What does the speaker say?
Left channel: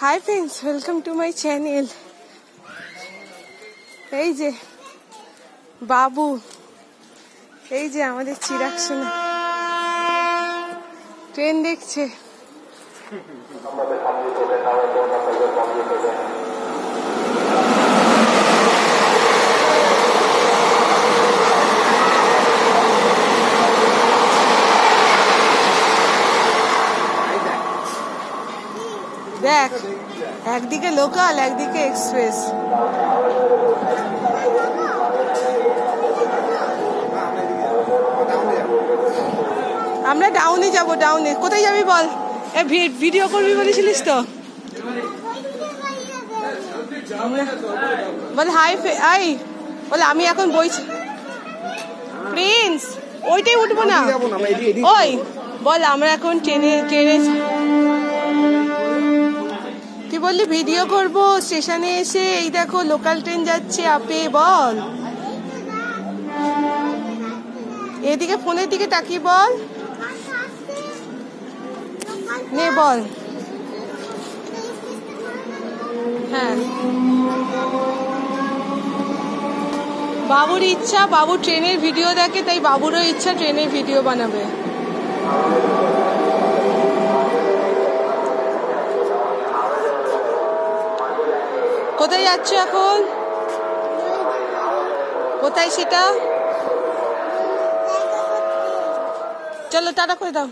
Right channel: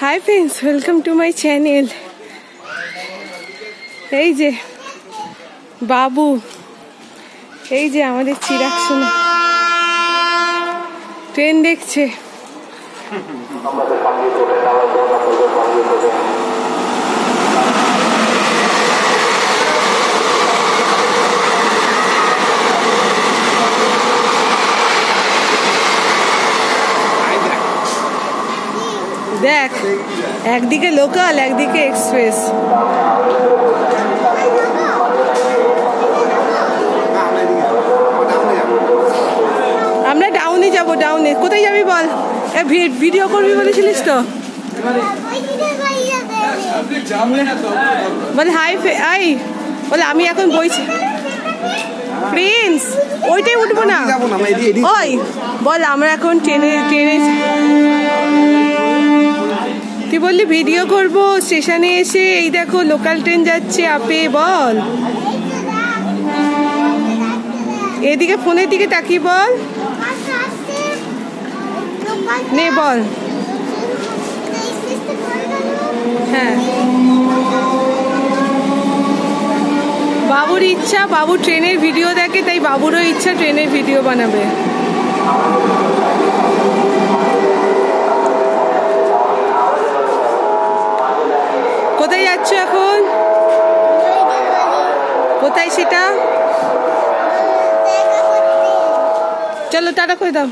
Hi friends, welcome to my channel. এই যে বাবু, এই যে আমাদের চিরাগ সোনা ট্রেন দেখছে। দেখ, একদিকে লোকাল একদিকে এক্সপ্রেস। আমরা ডাউনে যাব। ডাউনে কোথায় যাবি বল? ভিডিও করবি বলেছিলিস তো। বলে হাই আই, বলে আমি এখন বইছি। প্রিন্স ওইটাই উঠবো না। ওই বল আমরা এখন ট্রেনে তুই বললি ভিডিও করব স্টেশনে এসে। এই দেখো লোকাল ট্রেন যাচ্ছে আপে। বল এদিকে, ফোনের দিকে তাকিয়ে বল। নে বল। হ্যাঁ, বাবুর ইচ্ছা, বাবু ট্রেনের ভিডিও দেখে, তাই বাবুরও ইচ্ছা ট্রেনের ভিডিও বানাবে। কোথায় যাচ্ছ এখন? কোথায় সেটা? চলো টাটা করে দাও।